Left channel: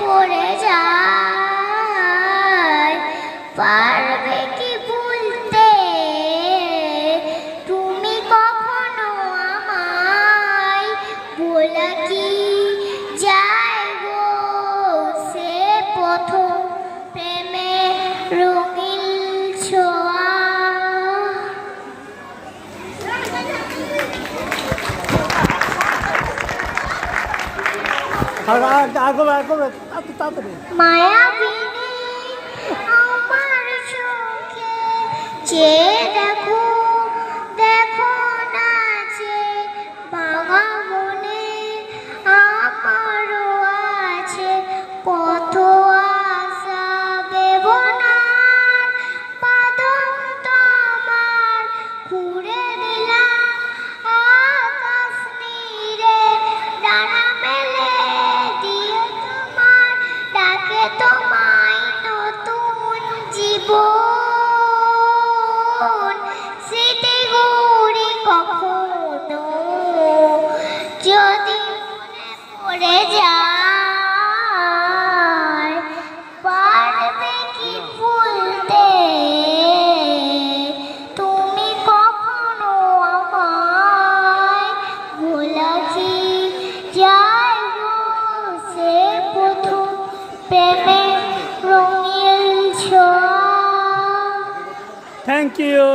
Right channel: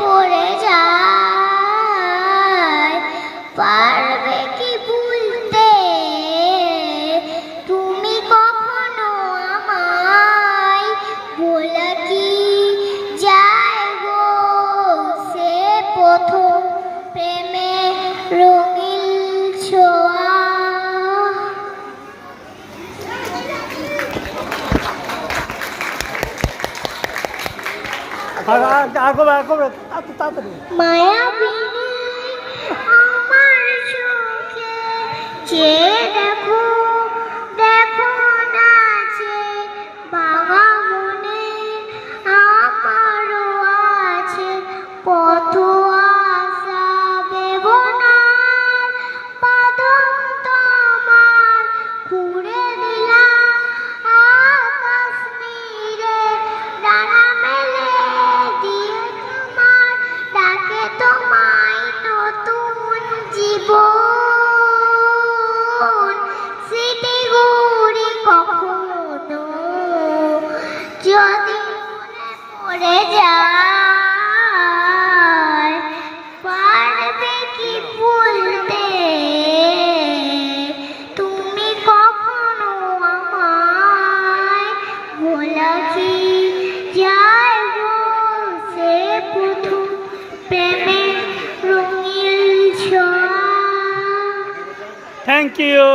পড়ে যায়, পারবে কি ভুলতে তুমি কখনো আমায়? বলা কি যায় গো সে প্রথম প্রেমে রঙিন ছোঁয়া। মায়াবিনী আমার চোখে চেয়ে দেখো, দেখো নাচে বাবা মনে আমারও আছে পথ আশা বেবনার বাদন তোমার ঘুরে দিলাম আকাশ নীরে ডানা মেলে দিয়ে তোমার ডাকে তোমায় নতুন জীবন স্মৃতিগুলি কখনো যদি মনে পড়ে যায়, পারবে কি ভুলতে তুমি কখনো আমায়? ভোলা কি যায় গো সে প্রথম প্রেমের রঙিন ছোঁয়া। Thank you.